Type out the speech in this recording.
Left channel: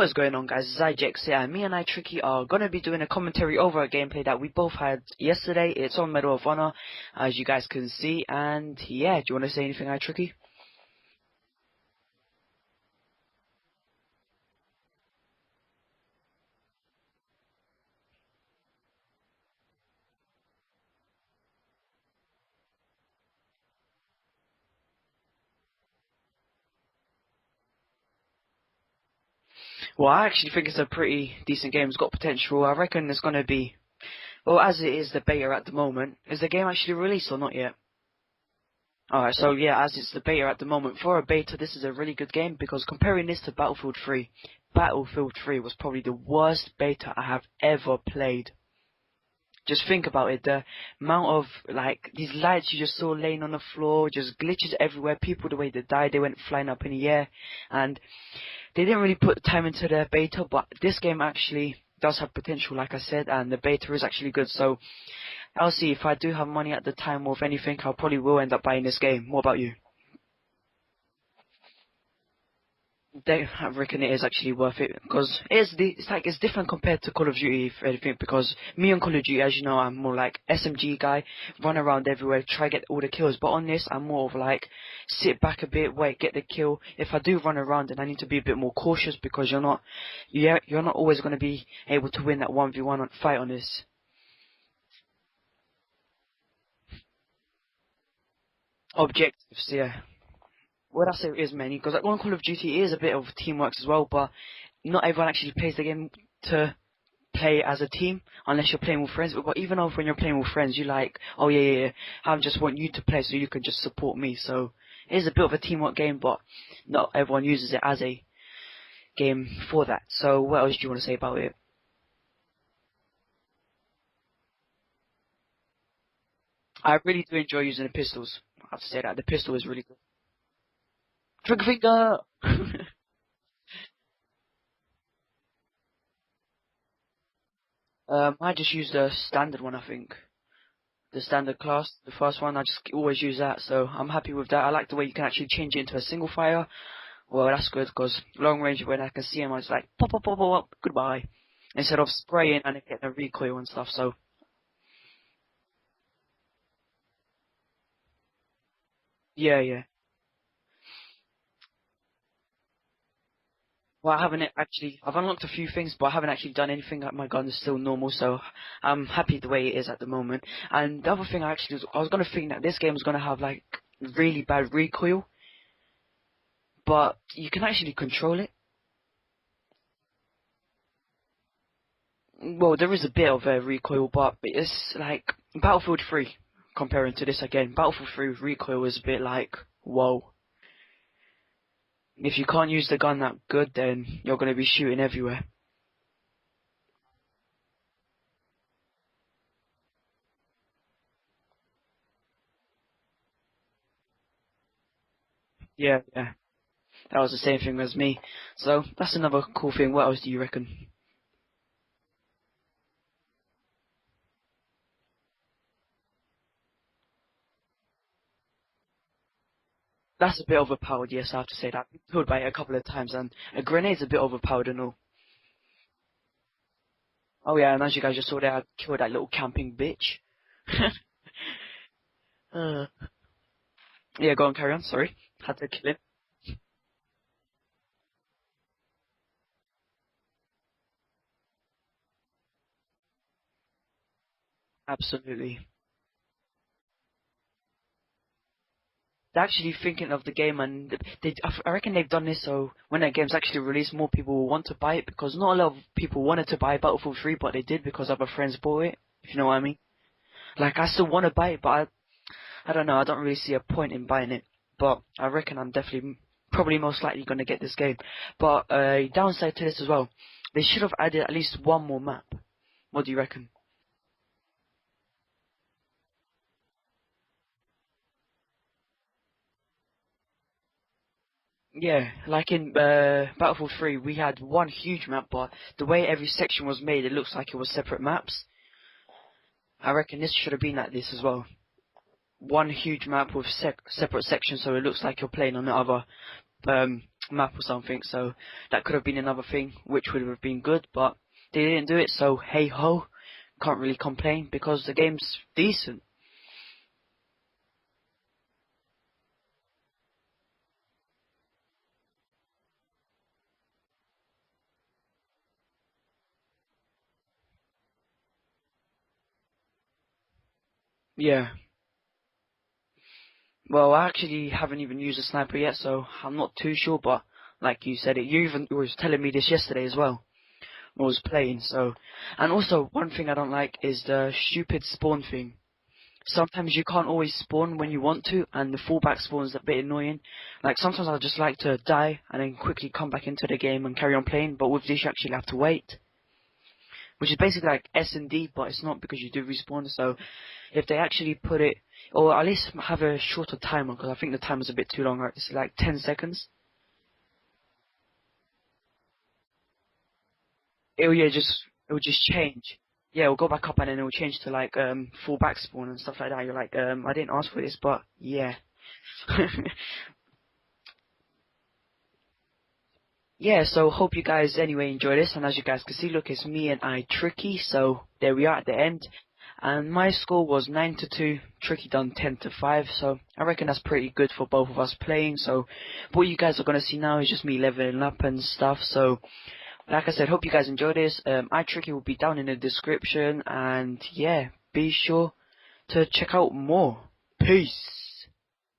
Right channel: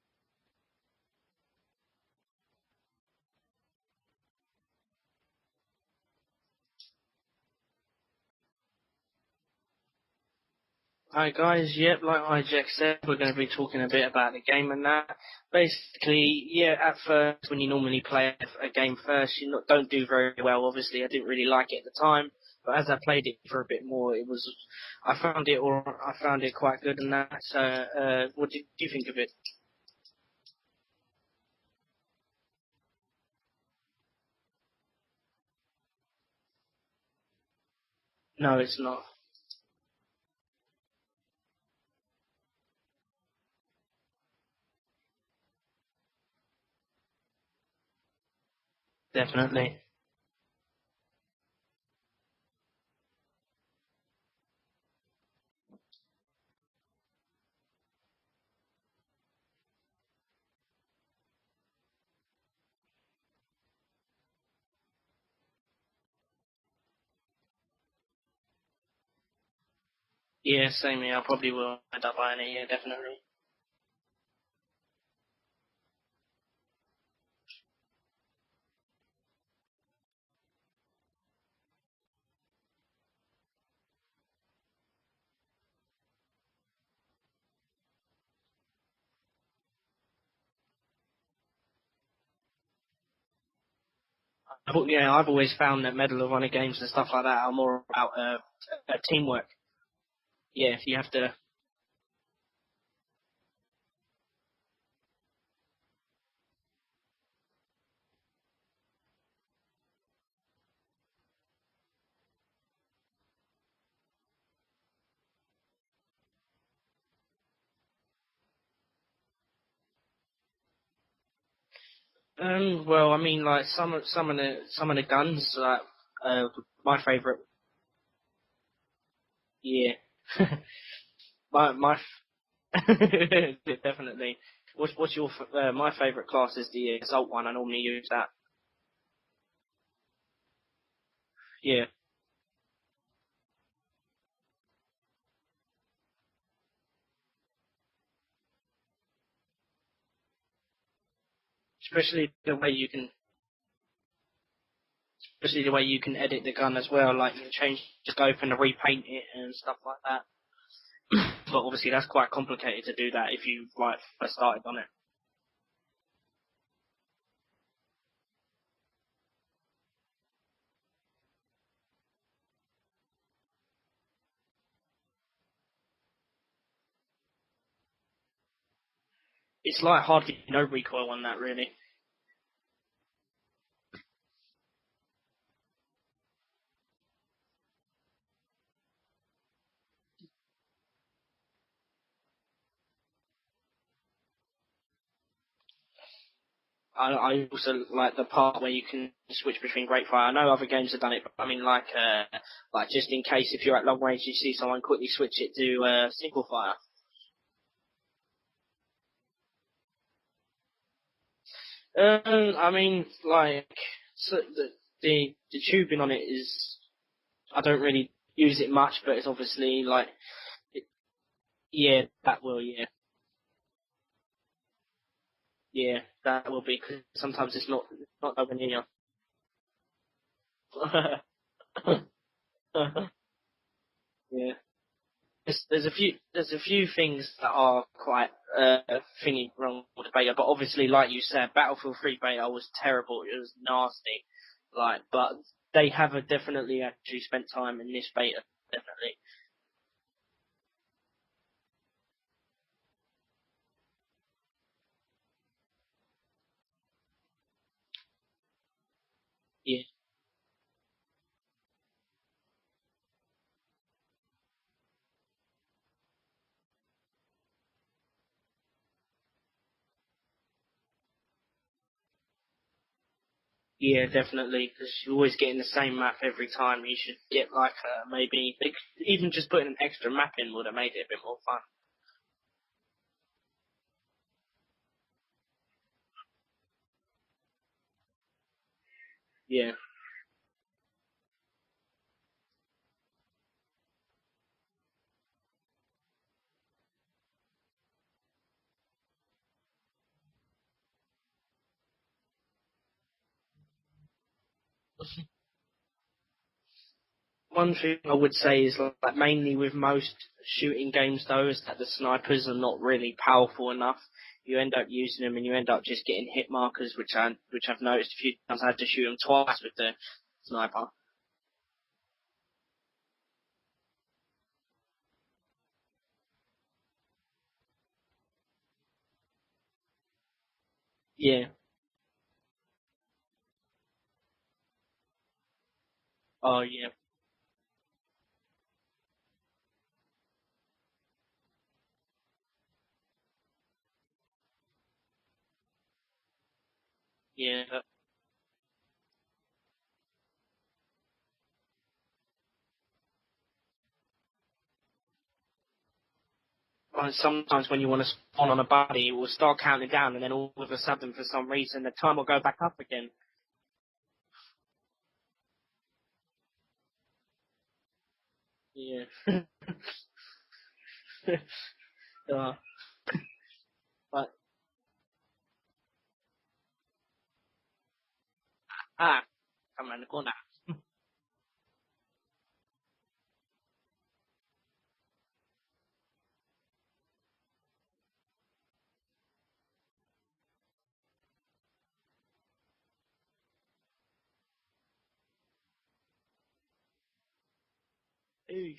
What is going on, guys? It's iJeXz here, and me and iTRikky are going to be doing a commentary over a gameplay that we both had yesterday. It's on Medal of Honor, as you guys can see, and yeah, do you want to say anything, iTRikky? Hi guys, yep, like iJeXz said, we're going to be talking a bit about the game and that. Basically, yeah, at first, when you normally play a game first, don't do very well. Obviously, I didn't really like it at the time, but as I played it for a bit more, I found it quite good and that. So, what do you think of it? Well, I actually think it's a pretty decent game. It's got potential. I reckon it's going to be, well, as it is the beta at the moment. Is the game actually released or not yet? No, it's not. Alright, so yeah, as it's the beta at the moment, for a beta, this is a really good game, because comparing this to Battlefield 3, Battlefield 3 was probably the worst beta I have ever played. Definitely. Just think about it, the amount of, like, these lights you just saw laying on the floor, just glitches everywhere, people the way they died, they went flying up in the air, and they didn't really put time into their beta, but this game actually does have potential, like I said, and the beta is actually good, so I'll see if I do have money at the time, or if anything, I'll probably will end up buying this game. What about you? Yeah, same here. I probably will end up buying it. Yeah, definitely. I reckon it is actually worth it, because it's different compared to Call of Duty, if anything, because me on Call of Duty, as you know, I'm more like SMG guy, run around everywhere, try get all the kills, but on this, I'm more of like, sit back a bit, wait, get the kill. If I do run around, then I need to be a bit more cautious, because you're not always going to be able to win that 1v1 fight on this. Yeah, I've always found that Medal of Honor games and stuff like that are more about teamwork. Objectives, yeah. Yeah, you Well, have that's to. how it is, man. Because like, on Call of Duty is a bit of teamwork as well, but not everyone actually plays the game to play as a team unless you're playing with friends. But even though when you're playing with friends, you like, oh yeah, I just want you to play so you can just support me. So it is a bit of a teamwork game, but not everyone uses it as a game for that. So what else do you want to say about it? Well, I mean, like some of the guns, like I my really do favorite. enjoy using the pistols. I have to say that the pistol is really. Yeah. Trick my finger. definitely. What's your my favorite class is the assault one. I normally use that. I just use the standard one, I think. The standard Yeah. class, the first one, I just always use that, so I'm happy with that. I like the way you can actually change it into a single fire. Well, that's good, because long range, when I can see him, I was like, pop, pop, pop, pop, pop, goodbye. Instead of Especially the spraying way and you getting can, a recoil and stuff, so. especially the way you can edit the gun as well. Like you can change, just go and repaint it and Yeah, stuff yeah. like that. But obviously that's quite complicated to do that if you like Well, I first haven't started on it. actually, I've unlocked a few things, but I haven't actually done anything. My gun is still normal, so I'm happy the way it is at the moment. And the other thing I was going to think that this game was going to have, like, really bad recoil, but you can actually control it. It's like hardly no recoil on that really. Well, there is a bit of a recoil, but it's like Battlefield 3 comparing to this again. Battlefield 3 recoil is a bit like, whoa. If you can't use the gun that good, then you're going to be shooting everywhere. I also like the part where you can switch between great fire. I know other games have done it, but I mean like just in case if you're at long range you see someone, quickly switch it to Yeah, yeah, single fire. that was the same thing as me. So that's another cool thing. What else do you reckon? I mean like so the tubing on it is, I don't really use it much, but it's obviously like That's a bit overpowered, yes, I have to say that. yeah, I killed by that it a will, couple of yeah. times, and a grenade's a bit overpowered and all. Yeah, that will be, cause sometimes Oh it's yeah, and as you guys just not saw there, going I in your. killed that little camping bitch. Yeah, go Yeah. on, carry on, sorry. I said There's a few things that are quite thingy wrong with the beta, but obviously, like you said, Battlefield 3 beta was terrible. It was nasty. Like, but absolutely. they have definitely actually spent time in this beta. Definitely. They're actually thinking of the game, and I reckon they've done this so when that game's actually released, more people will want to buy it, because not a lot of people wanted to buy Battlefield 3, but they did because other friends bought it, if you know what I mean. Yeah. Like, I still want to buy it, but I don't know, I don't really see a point in buying it, but I reckon I'm definitely, probably most likely going to get this game. But downside to this as well, they should have added at least one more map. What do you reckon? Yeah, definitely, because you're always getting the same map every time. You should get like maybe even just putting an extra map in would have made it a bit more fun. Yeah, like in Battlefield 3, we had one huge map, but the way every section was made, it looks like it was separate maps. Yeah. I reckon this should have been like this as well. One huge map with separate sections, so it looks like you're playing on the other map or something. So that could have been another thing, which would have been good, but they didn't do it. So hey ho, can't really complain because the game's decent. One thing I would say is like mainly with most shooting games though is that the snipers are not really powerful enough. You end up using them and you end up just getting hit markers, which I've noticed a few times. I had to shoot them twice with the sniper. Yeah. Well, I actually haven't even used a sniper yet, so I'm not too sure. But like you said, you even was telling me this yesterday as well. I was Yeah. playing, so. And also, one thing I don't like is the stupid spawn thing. Oh Sometimes you yeah. can't always spawn when you want to, and the fallback spawn is a bit annoying. Like, sometimes I just like to die and then quickly come back into the game and carry on playing, but with this you actually have to wait. Which is basically Yeah. like S&D, but it's not because you do respawn, so if they actually put it, or at least have a shorter timer, because I think the timer's a bit too long, right? It's like 10 seconds. And sometimes when you want to spawn on a buddy, it will start counting down, and then all of a sudden, It'll, for yeah, some reason, the it'll time just will go back up change. again. Yeah, it'll go back up and then it'll change to like full back spawn and stuff like that. You're like, I didn't ask for this, but yeah. Yeah. uh, Yeah, so hope you but, guys anyway enjoy this, and as you guys can see, look, it's me and iTRikky, so there we are at the end. And come on, my come on. score was 9-2, Tricky done 10-5, so I reckon that's pretty good for both of us playing. So what you guys are gonna see now is just me leveling up and stuff. So like I said, hope you guys enjoy this. iTRikky will be down in the description, and yeah, be sure to check out more. Peace. Peace.